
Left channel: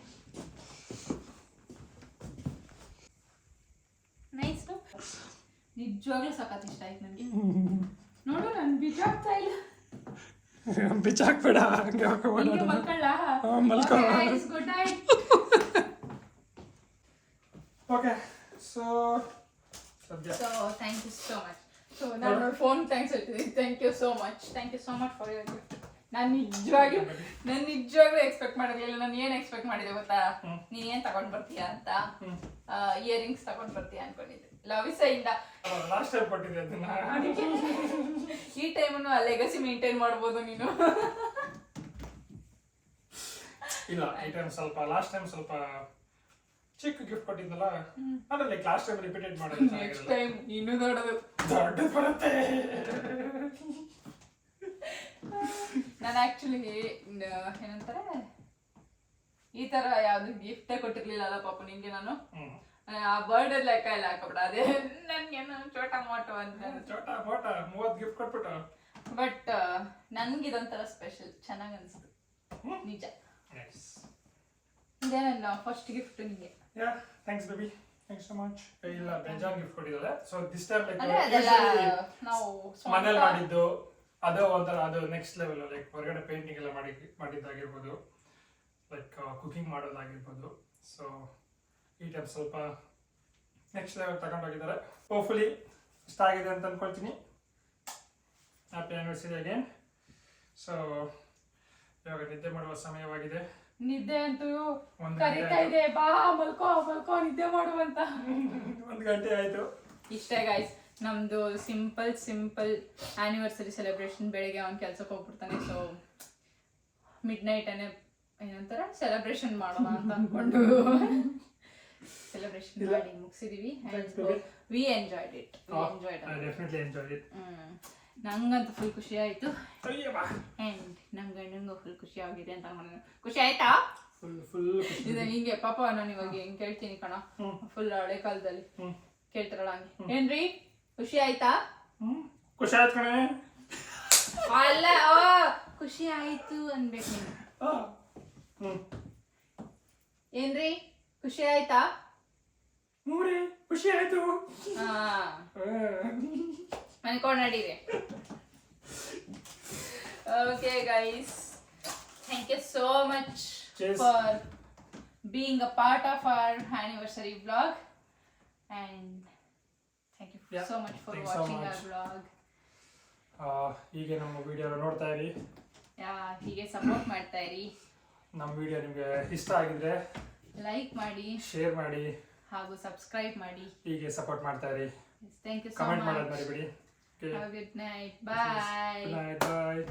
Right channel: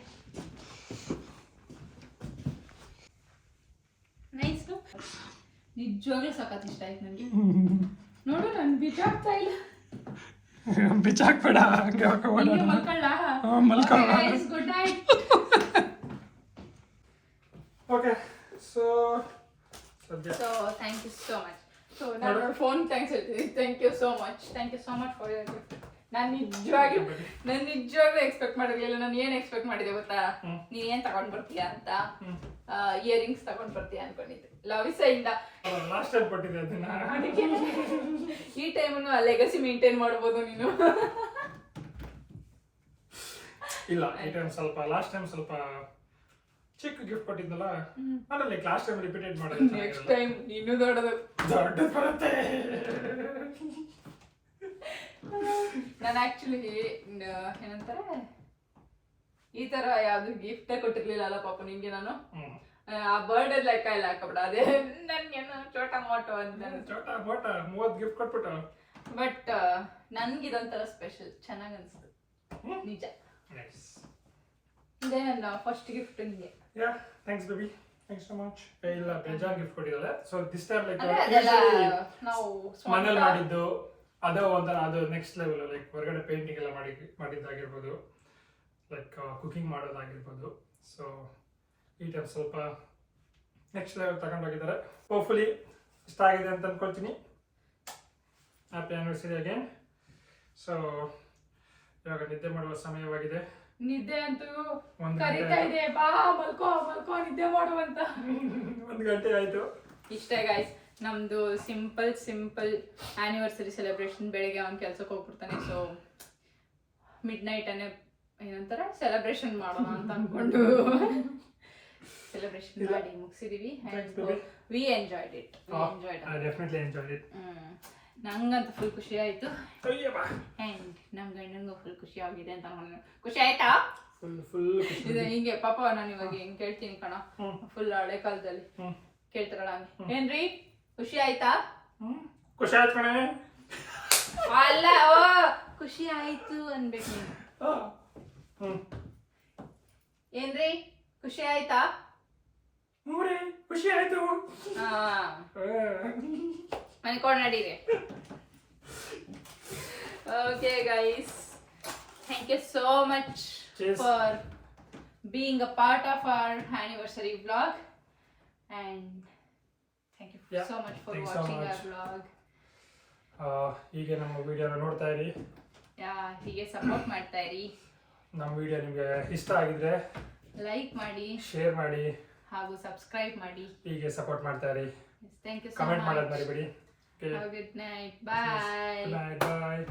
ನೈಸ್. ನಿಜವಾಗ್ಲೂ ಸಖತ್ ಇಷ್ಟ ಆಯ್ತು ನನಗೆ. ನೋಡು, ನಾನು ಬಿಚಾಕ್ತಾ ಇಲ್ಲ. ಬಿಚಾಕ್ಬೇಡ, ಹಂಗೆ ಮಲ್ಕೊ. Good night. Okay, so thank you so much. So ನಾನು ಫೋನ್ ಥ್ಯಾಂಕ್ಸ್ ಹೇಳ್ತೀನಿ. Thank you so much for your gift. ನಾನು ನಿಜವಾಗ್ಲೂ ಎಕ್ಸ್ಪೆಕ್ಟ್ ಮಾಡಿರ್ಲಿಲ್ಲ. ನಾನು ಏನು ಎಕ್ಸ್ಪೆಕ್ಟ್ ಮಾಡಿದೆ ಗೊತ್ತಾ? ನೀನ್ ಏನ್ ತಗೊಂಡ್ ಬರ್ತೀಯ ಅಂತ. ಇಯರಿಂಗ್ಸ್ ತಗೊಂಡ್ ಬರ್ತೀಯ ಅನ್ಕೊಂಡಿದ್ದೆ. ಲವಿಸಾ ಇಂದ ಲಾಸ್ಟ್ ಟೈಮ್ ಕೊಟ್ಟಿದ್ದೆ ಅದನ್ನ. ಈ ಟೈಮನ್ನು ಆ ಲೆಗಸಿ ಮೇಂಟೈನ್ ಮಾಡ್ಬೋದು ನೀನು. ಇಲ್ಲ, ಈ ಟೈಮ್ ಸ್ವಲ್ಪ, ಲಾಸ್ಟ್ ಟೈಮ್ ಸ್ವಲ್ಪ ಚಿಕ್ಕ ಗಿಫ್ಟ್ ಕೊಟ್ಟಿದ್ದಲ್ಲ, ಅಂದ್ರೆ ಲೈಕ್ ಲಾಸ್ಟ್ ಟೈಮ್ ರಿಪೀಟೆಡ್ ಮಾಡೋದು. ನೆಕ್ಸ್ಟ್ ಟೈಮ್ ಇನ್ನೂ ದೊಡ್ಡದು ಬರುತ್ತೆ. ನಾನು ಆಕ್ಚುಲಿ ಏನಂತಾರೆ, ಈ ತರ ಯಾವ್ದು ಗಿಫ್ಟ್ ಕೊಟ್ಟಿರ್ಲಿಲ್ಲ ಪಾಪ ನಿನ್ಗೆ. ನಾನು ಆ ಬರ್ಡೇ ಲೆಕ್ಕ ಎಲ್ಲ ಹಾಕಬಿಡ. ಅದೇ ನನ್ಗೇನು ಚೋಟ ಮೋಟೋ ಅಂತ 30 ಗಿಫ್ಟ್ ಕೊಟ್ಬಿಟ್ಟು ಬಟ್ ನನ್ಗೆ ಇದೊಂಥರ ಸ್ಪೆಷಲ್, ಚೆನ್ನಾಗಿ ಅನಿಸ್ತು ನಿಜ. ಇದೇ ನನ್ನ ಫಸ್ಟ್ ಗಿಫ್ಟ್ ನಿಮಗೆ. Yeah thanks baby, thanks so much. ಇಲ್ಲ ಬೇಜಾನ್ ಗಿಫ್ಟ್ ಕೊಟ್ಟಿದ್ದಾರೆ. ಸೊ ದಿಸ್ ಟೈಮ್ ಲೈಕ್ ನಾವು ಮನೇಲಿ ಮಾಡಿದ್ದು ಅದು ಒಂಥರ, ಅದು ನೆಕ್ಸ್ಟ್ ಲೆವೆಲ್. ಲೈಕ್ ಹೊರಗಡೆ ಪೇಂಟಿಂಗ್ ಎಲ್ಲ ಮಾಡಿದ್ದಾಗಿರ್ಬೋದು, ಲೈಕ್ ಕುಕಿಂಗ್ ಮಾಡೋದಾಗಿರ್ಬೋದು. ಸೊ ಈ ಟೈಮ್ ಸ್ವಲ್ಪ ನೆಕ್ಸ್ಟ್ ಲೆವೆಲ್ ತಗೊಂಡೋಗಿದ್ದಾರೆ. ಹೋಪ್ಫುಲಿ ಇಷ್ಟ ಆಗಿದೆ ಅಂತ ಅನ್ಕೊಳ್ತೀನಿ. Happy anniversary again. ಸೊ ಇವಾಗ ನಿದ್ದೆ ಮಾಡುವ ಸಮಯವಾಗಿದೆ. ನಿದ್ದೆ ಅಂತೂ ಒಂದು ಕರೀತಾ ಇದೆ, ಬಾ ಮಲ್ಕೋ ಮಲ್ಕೋ ನಿದ್ದೆ ಮಾಡುವಂತ. 1 ಗಂಟೆ ಆಯ್ತು. ಇಷ್ಟೇ ಗೈಸ್, ನಮ್ದು ಸಿಂಪಲ್ ಆನಿವರ್ಸರಿ ಸೆಲೆಬ್ರೇಷನ್. ಬೆಳಿಗ್ಗೆ ಅವ್ನು ಕೆಲ್ಸಕ್ಕೆ ಹೋಗ್ಬಿಡ್ತಾನೆ. ಸೊ ಮಿಡ್ ನೈಟ್ ಏನಂತಾರೆ ಸೆಲೆಬ್ರೇಷನ್ ಮಾಡೋಣ ಅಂತ ಅನ್ಕೊಂಡು ಸೆಲೆಬ್ರೇಷನ್ ಮಾಡಿ ಮುಗಿಸಿದೀವಿ. We enjoyed it. Definitely enjoyed it. ನಂಗಂತೂ ಫುಲ್ ಖುಷಿ ಆಯ್ತು. ಅಂಡ್ ನಮ್ ಗಂಡನಿಗೂ ಫುಲ್ ಖುಷಿ ಆಗಿದೆ ಅಂತ ಅನ್ಕೊಂಡು. ಖುಷಿ ಆಯ್ತಾ? ಫುಲ್ ಇದು ಹಿಂಗೆ ಪಾಪ ನಾನು ಇವಾಗ ಹೆಂಗ್ ಕೇಳ್ತೀನಿ ಕಣ, ಫುಲ್ ಹಳೆ ಕಾಲದಲ್ಲಿ ಕೇಳ್ತಾರಲ್ಲ ಹಂಗೆ. ಏನ್ರಿ ಖುಷಿ ಆಯ್ತಾ? ಖುಷಿ ಆಯ್ತು ಕಣೆ. ಅಲ್ಲ, ಖುಷಿ ಆಯ್ತು ಅನ್ಬೇಕು ನೀನು. ಏನ್ರಿ ಖುಷಿ ಆಯ್ತಾ? ಖುಷಿ ಆಯ್ತು. ಅನ್ಕೊಂಡ್ ನಡೀರಿ. Okay guys, thank you so much for being a part of our anniversary vlog. And thank you so much for watching our vlog. ಹೀಗೆ ನಮ್ಮ ವಿಡಿಯೋನ ನೋಡ್ತಾ ಇರಿ, ಹೀಗೆ ಸಪೋರ್ಟ್ ಮಾಡ್ತಾ ಇರಿ. ನಮ್ಮ ವಿಡಿಯೋ ನಿಮಗೆ ಇಷ್ಟ ಆಗಿದ್ರೆ ಲೈಕ್ ಮಾಡಿ, ಶೇರ್ ಮಾಡಿ ಹಾಗೂ ಸಬ್ಸ್ಕ್ರೈಬ್ ಮಾಡಿ. ಹೀಗೆ ಸಪೋರ್ಟ್ ಮಾಡ್ತಾ ಇರಿ. Thank you so comment much. ಮಾಡೋದು ಮರಿಬೇಡಿ. Have a good night. Bye. Good night. Bye.